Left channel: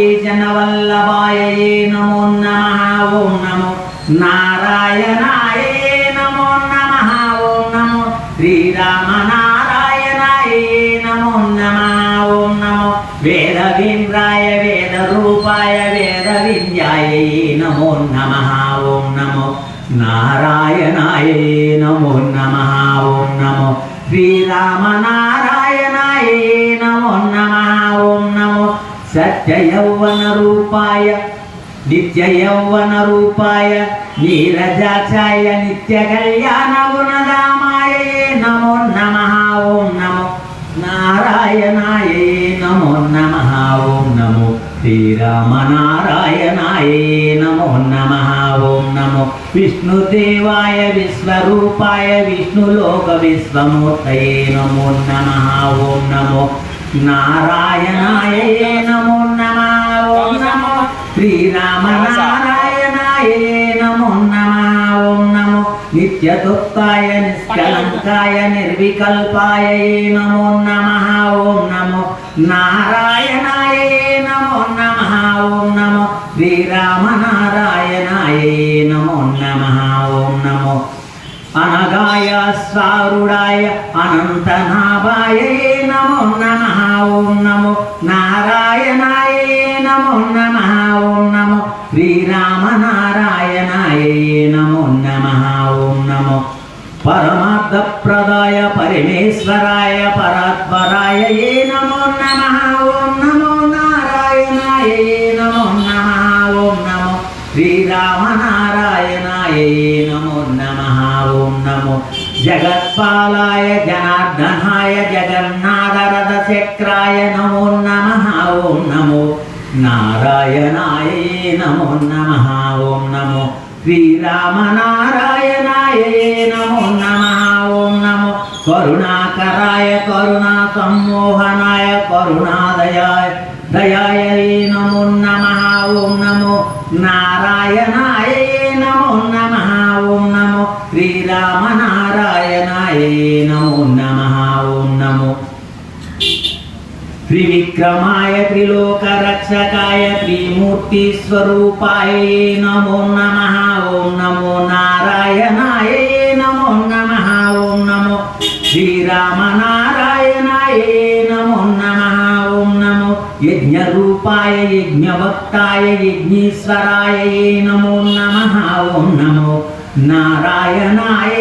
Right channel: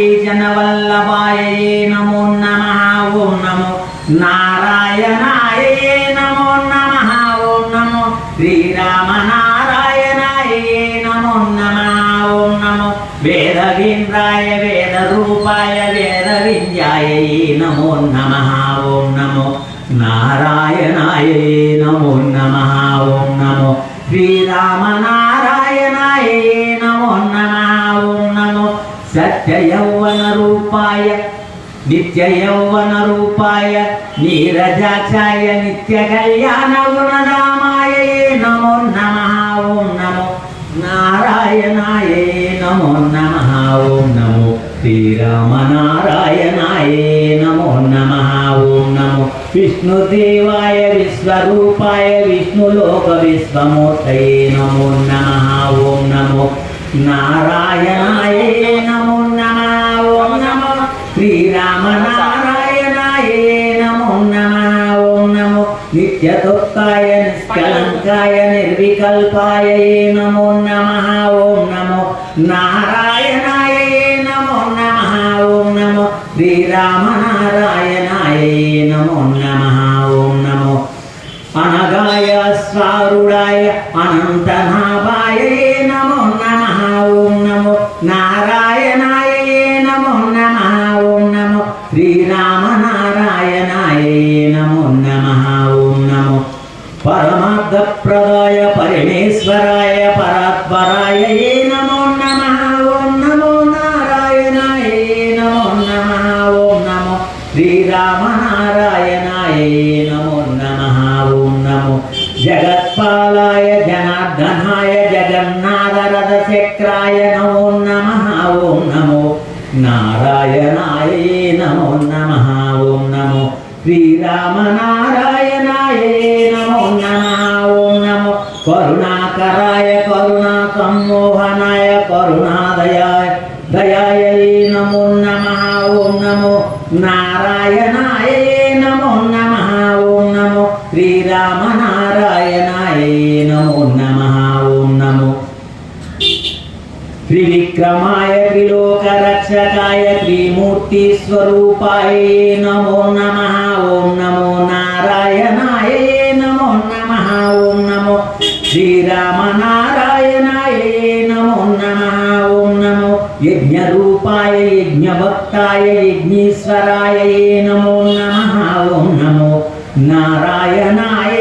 जनवल्लभाय नमो नमः। ओं नमो नारायणाय नमो नमः। ओं नमो श्रीरामनारायणाय नमो नमः। ओं नमो वेदविन्द्राय वेदरूपाय वेदविद्याय नमो नमः। ओं नमो नारायणाय नमो नमः। ओं नमो श्रीरामनारायणाय नमो नमः। ओं नमो सत्ययौवन रूपाय नित्ययौवन रूपाय नीरजाक्षाय नित्यकल्याण गुणधामाय नमो नमः। ओं नमो नारायणाय नमो नमः। ओं नमो श्रीरामनारायणाय नमो नमः। ओं नमो विष्णुदेवाय विश्वरूपाय विष्णुलोक विश्वमूर्तये नमो नमः। ओं नमो नारायणाय नमो नमः। ओं नमो श्रीरामनारायणाय नमो नमः। ओं नमो नित्यतुप्ताय निष्कलङ्काय निर्विकल्पाय नमो नमः। ओं नमो नारायणाय नमो नमः। ओं नमो श्रीरामनारायणाय नमो नमः। ओं नमो अनगाय स्वारूढाय अनन्तनाभाय नमो नमः। ओं नमो नारायणाय नमो नमः। ओं नमो श्रीरामनारायणाय नमो नमः। ओं नमो परमार्थप्रदाय परमेश्वराय परात्पराय नमो नमः। ओं नमो नारायणाय नमो नमः। ओं नमो श्रीरामनारायणाय नमो नमः। ओं नमो जगत्पालाय जनार्दनाय जगन्नाथरथचक्राय नमो नमः। ओं नमो नारायणाय नमो नमः। ओं नमो श्रीरामनारायणाय नमो नमः। ओं नमो करुणाकराय करुणासम्मोहनाय करुणादयाय दयाय नमो नमः। ओं नमो नारायणाय नमो नमः। ओं नमो श्रीरामनारायणाय नमो नमः। ओं नमो त्रिविक्रमाय त्रिलोकरक्षकाय त्रिमूर्तिस्वरूपाय नमो नमः। ओं नमो नारायणाय नमो नमः। ओं नमो श्रीरामनारायणाय नमो नमः। ओं नमो यज्ञरूपाय यज्ञभक्ताय यज्ञेश्वराय नमो नमः। ओं नमो नारायणाय